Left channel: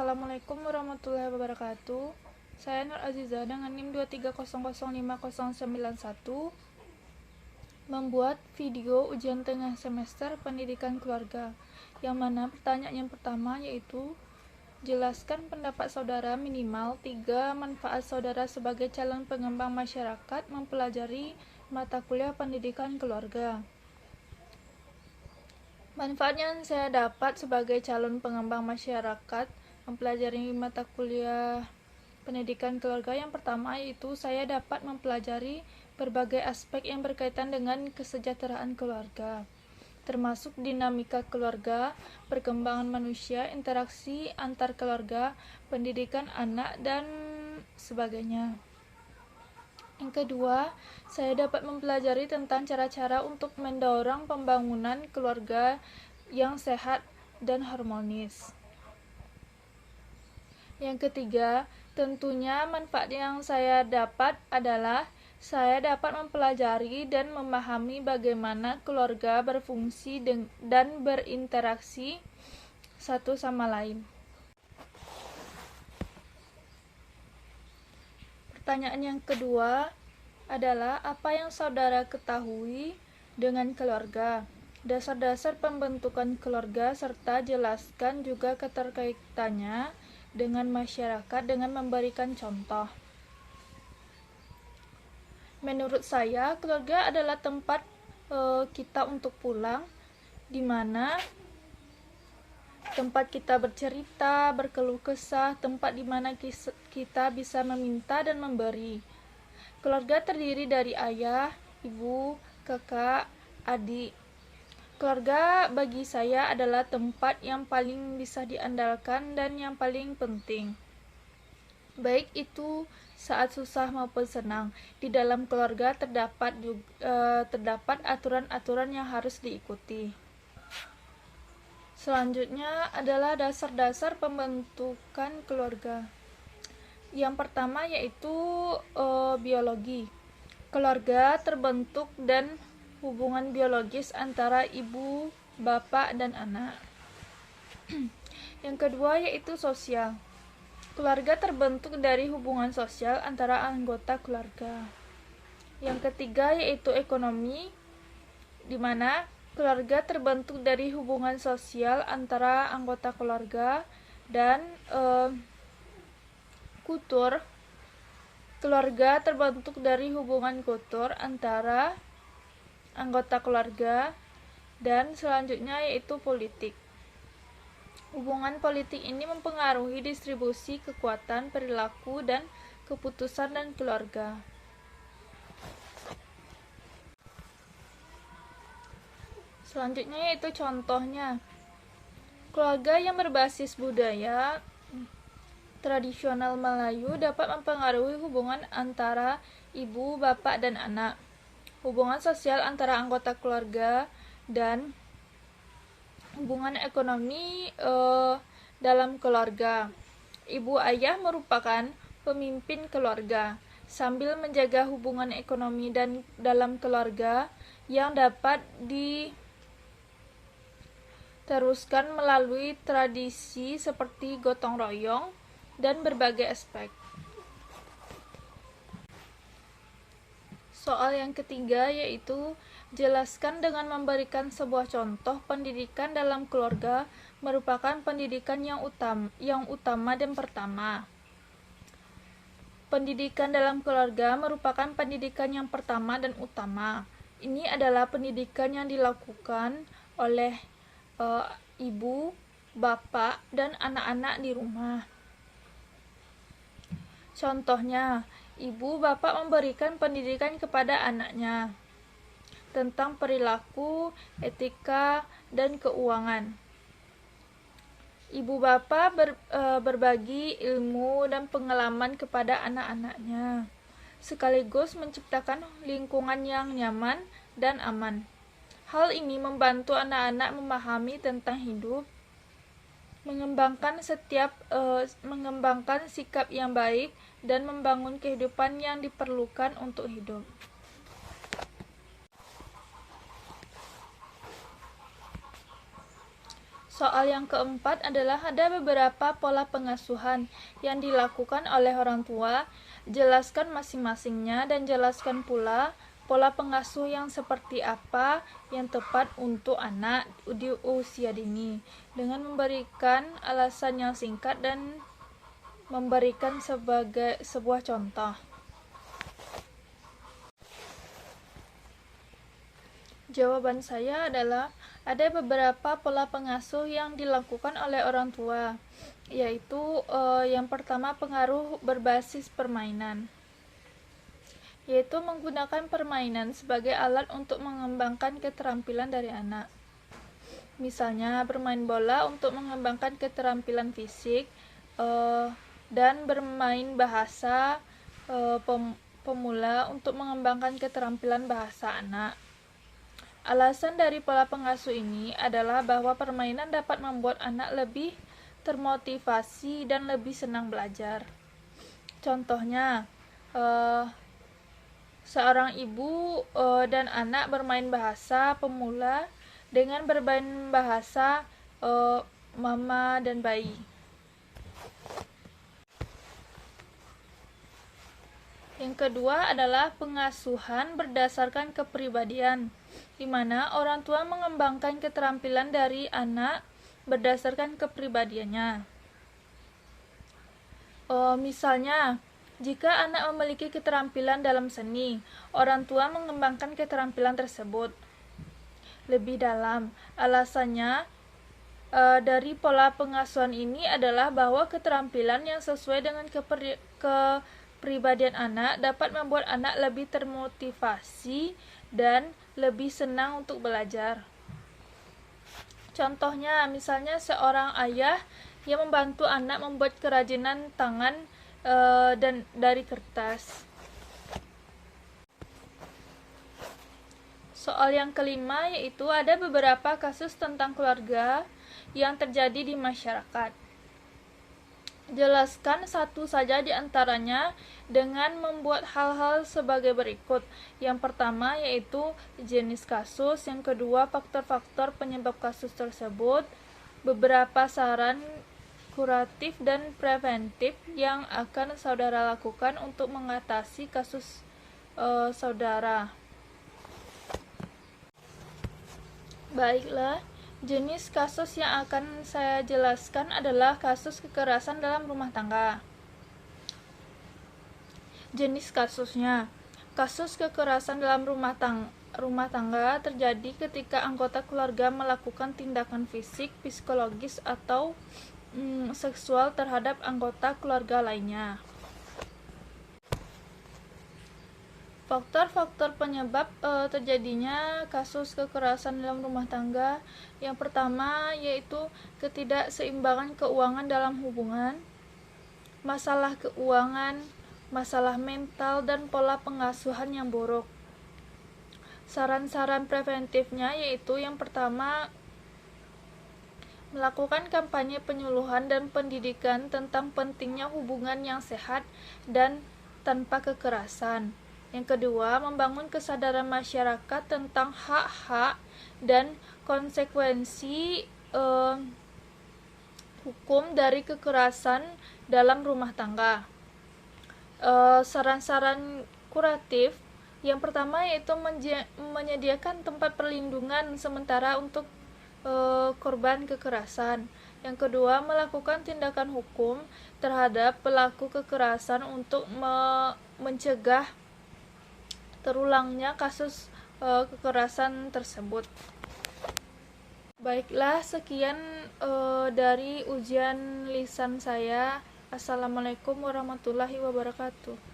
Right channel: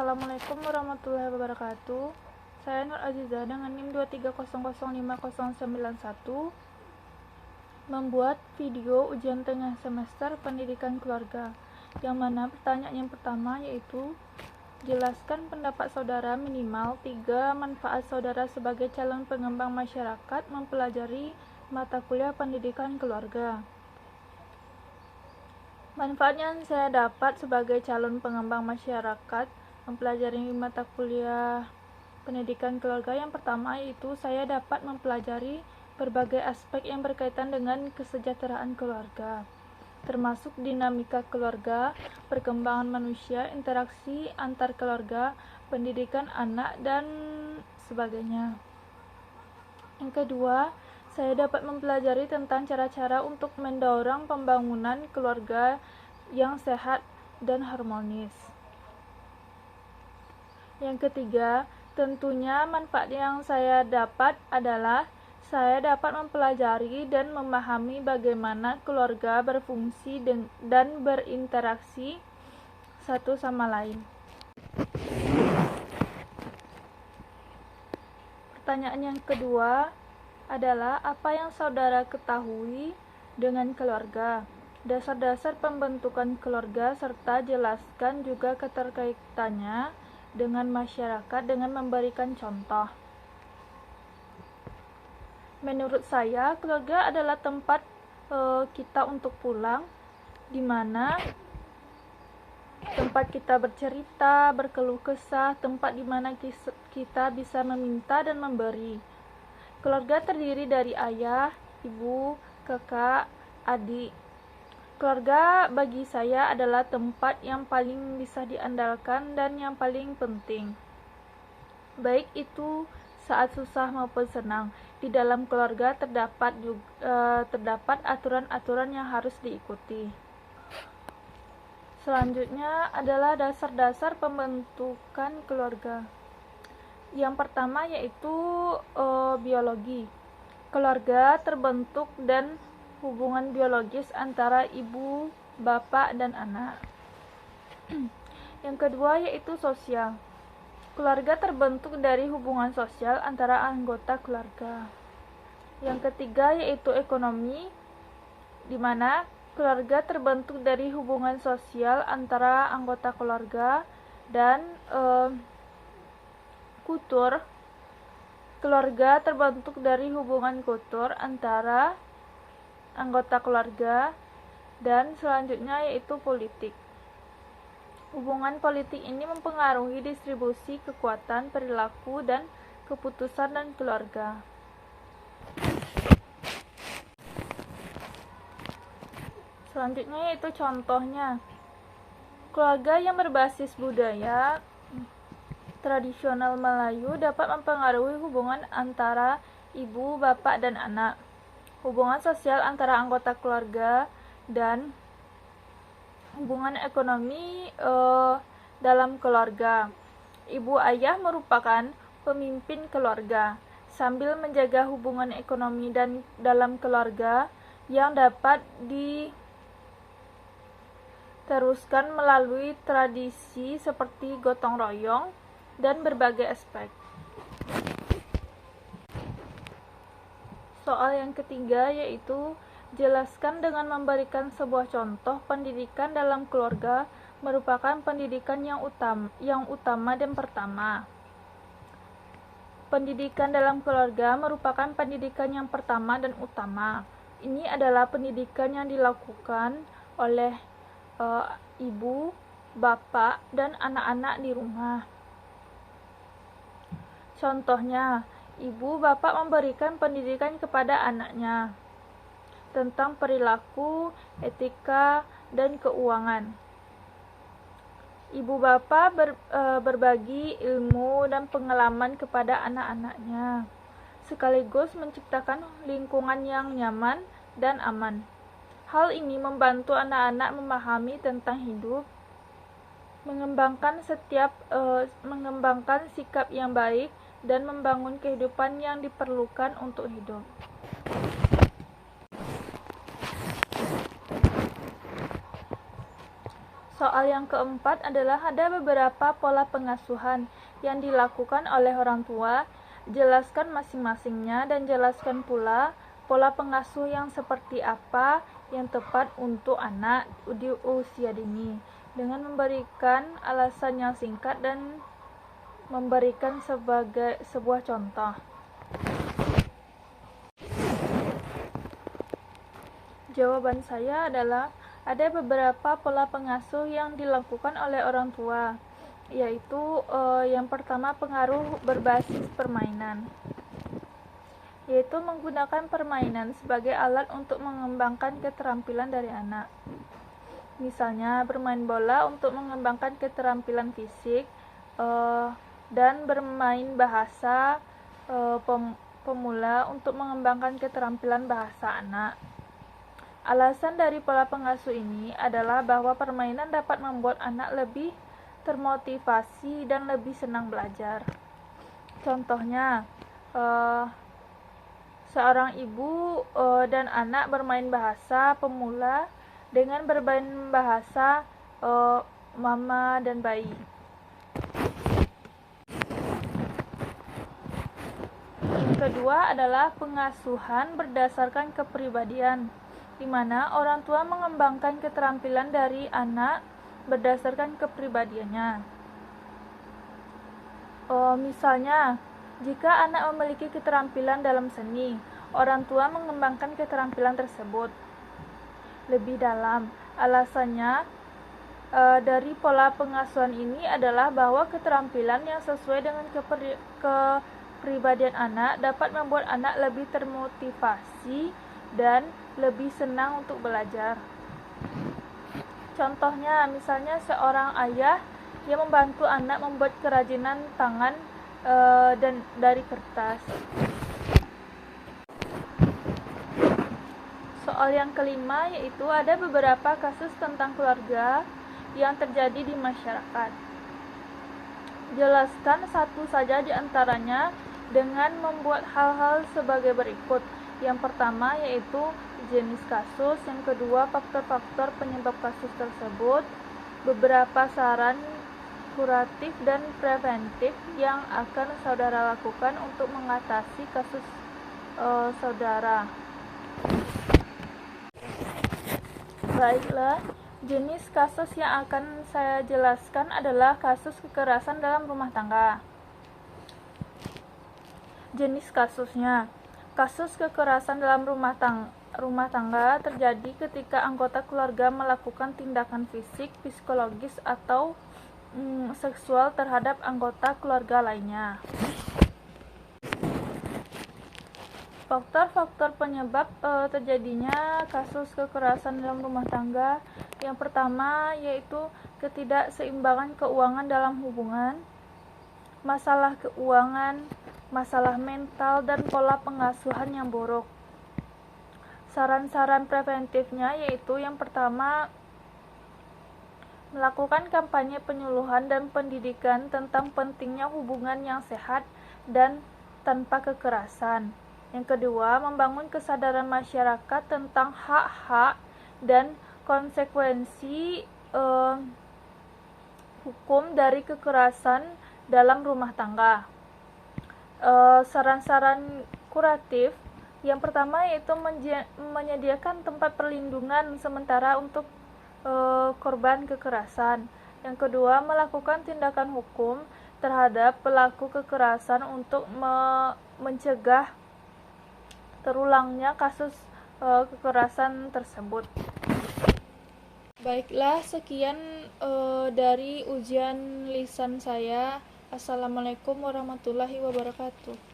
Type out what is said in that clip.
Assalamualaikum warahmatullahi wabarakatuh. Saya Nur Aziza dengan NIM 230050091 membuat video ujian tengah semester pendidikan keluarga, yang mana pertanyaan yang pertama yaitu jelaskan pendapat saudara minimal 3 manfaat saudara sebagai calon pengembang masyarakat mempelajari mata kuliah pendidikan keluarga. Manfaat yang saya dapat sebagai calon pengembang masyarakat mempelajari mata kuliah pendidikan keluarga yang pertama yaitu saya dapat mempelajari berbagai aspek yang berkaitan dengan kesejahteraan keluarga, termasuk dinamika keluarga, perkembangan manusia, interaksi antar keluarga, pendidikan anak, dan sebagainya. Yang kedua, saya dapat mempelajari tentang cara-cara untuk mendorong pembangunan keluarga yang sehat dan harmonis. Yang ketiga, tentunya manfaat yang saya dapat adalah saya dapat mempelajari dan memahami bagaimana keluarga berfungsi dan berinteraksi satu sama lain. Pertanyaan yang kedua adalah apa yang saudara ketahui dengan keluarga, dasar-dasar pembentukan keluarga, serta jelaskan juga keterkaitannya dengan masyarakat dengan memberikan contoh. Menurut saya, keluarga adalah tempat kita untuk pulang, di mana tempat kita bercerita, berkeluh kesah, tempat di mana kita bisa meminta dan memberi. Keluarga terdiri dari ayah, ibu, kakak, adik. Keluarga bagi saya adalah tempat yang paling bisa diandalkan dan yang paling penting. Baik itu saat susah maupun senang. Di dalam keluarga terdapat aturan-aturan yang harus diikuti. Selanjutnya adalah dasar-dasar pembentukan keluarga. Yang pertama yaitu biologi. Keluarga terbentuk dan hubungan biologis antara ibu, bapak, dan anak. Yang kedua yaitu sosial. Keluarga terbentuk dari hubungan sosial antara anggota keluarga. Yang ketiga yaitu ekonomi, di mana keluarga terbentuk dari hubungan sosial antara anggota keluarga, dan kultur. Keluarga terbentuk dari hubungan kultur antara anggota keluarga, dan selanjutnya yaitu politik. Hubungan politik ini mempengaruhi distribusi kekuatan, perilaku, dan keputusan dan keluarga. Selanjutnya yaitu contohnya. Keluarga yang berbasis budaya tradisional Melayu dapat mempengaruhi hubungan antara ibu, bapak, dan anak. Hubungan sosial antara anggota keluarga dan hubungan ekonomi dalam keluarga. Ibu ayah merupakan pemimpin keluarga sambil menjaga hubungan ekonomi dan dalam keluarga yang dapat diteruskan melalui tradisi seperti gotong royong dan berbagai aspek. Soal yang ketiga yaitu jelaskan dengan memberikan sebuah contoh pendidikan dalam keluarga merupakan pendidikan yang utama dan pertama. Pendidikan dalam keluarga merupakan pendidikan yang pertama dan utama. Ini adalah pendidikan yang dilakukan oleh ibu, bapak, dan anak-anak di rumah. Contohnya, ibu bapak memberikan pendidikan kepada anaknya tentang perilaku, etika, dan keuangan. Ibu bapak berbagi ilmu dan pengalaman kepada anak-anaknya, sekaligus menciptakan lingkungan yang nyaman dan aman. Hal ini membantu anak-anak memahami tentang hidup, mengembangkan sikap yang baik, dan membangun kehidupan yang diperlukan untuk hidup. Soal yang keempat adalah ada beberapa pola pengasuhan yang dilakukan oleh orang tua. Jelaskan masing-masingnya dan jelaskan pula pola pengasuh yang seperti apa yang tepat untuk anak di usia dini, dengan memberikan alasan yang singkat dan memberikan sebagai sebuah contoh. Jawaban saya adalah ada beberapa pola pengasuh yang dilakukan oleh orang tua, yaitu yang pertama pengaruh berbasis permainan, yaitu menggunakan permainan sebagai alat untuk mengembangkan keterampilan dari anak. Misalnya bermain bola untuk mengembangkan keterampilan fisik, dan bermain bahasa pemula untuk mengembangkan keterampilan bahasa anak. Alasan dari pola pengasuh ini adalah bahwa permainan dapat membuat anak lebih termotivasi dan lebih senang belajar. Contohnya, seorang ibu dan anak bermain bahasa pemula dengan bermain bahasa mama dan bayi. Yang kedua adalah pengasuhan berdasarkan kepribadian, di mana orang tua mengembangkan keterampilan dari anak berdasarkan kepribadiannya. Misalnya, jika anak memiliki keterampilan dalam seni, orang tua mengembangkan keterampilan tersebut lebih dalam. Alasannya dari pola pengasuhan ini adalah bahwa keterampilan yang sesuai dengan kepribadian anak dapat membuat anak lebih termotivasi dan lebih senang untuk belajar. Contohnya, misalnya seorang ayah yang membantu anak membuat kerajinan tangan dan dari kertas. Soal yang kelima yaitu ada beberapa kasus tentang keluarga yang terjadi di masyarakat. Jelaskan satu saja di antaranya dengan membuat hal-hal sebagai berikut. Yang pertama yaitu jenis kasus, yang kedua faktor-faktor penyebab kasus tersebut, beberapa saran kuratif dan preventif yang akan saudara lakukan untuk mengatasi kasus saudara. Baiklah, jenis kasus yang akan saya jelaskan adalah kasus kekerasan dalam rumah tangga. Jenis kasusnya, kasus kekerasan dalam rumah tangga terjadi ketika anggota keluarga melakukan tindakan fisik, psikologis, atau seksual terhadap anggota keluarga lainnya. Faktor-faktor penyebab terjadinya kasus kekerasan dalam rumah tangga, yang pertama yaitu ketidakseimbangan keuangan dalam hubungan, masalah keuangan, masalah mental, dan pola pengasuhan yang buruk. Saran-saran preventifnya yaitu yang pertama, melakukan kampanye penyuluhan dan pendidikan tentang pentingnya hubungan yang sehat dan tanpa kekerasan. Yang kedua, membangun kesadaran masyarakat tentang hak-hak dan konsekuensi hukum dari kekerasan dalam rumah tangga. Saran-saran kuratif yang pertama yaitu menyediakan tempat perlindungan sementara untuk korban kekerasan. Yang kedua, melakukan tindakan hukum terhadap pelaku kekerasan untuk mencegah terulangnya kasus kekerasan tersebut. Baiklah, sekian dari ujian lisan saya. Assalamualaikum warahmatullahi wabarakatuh.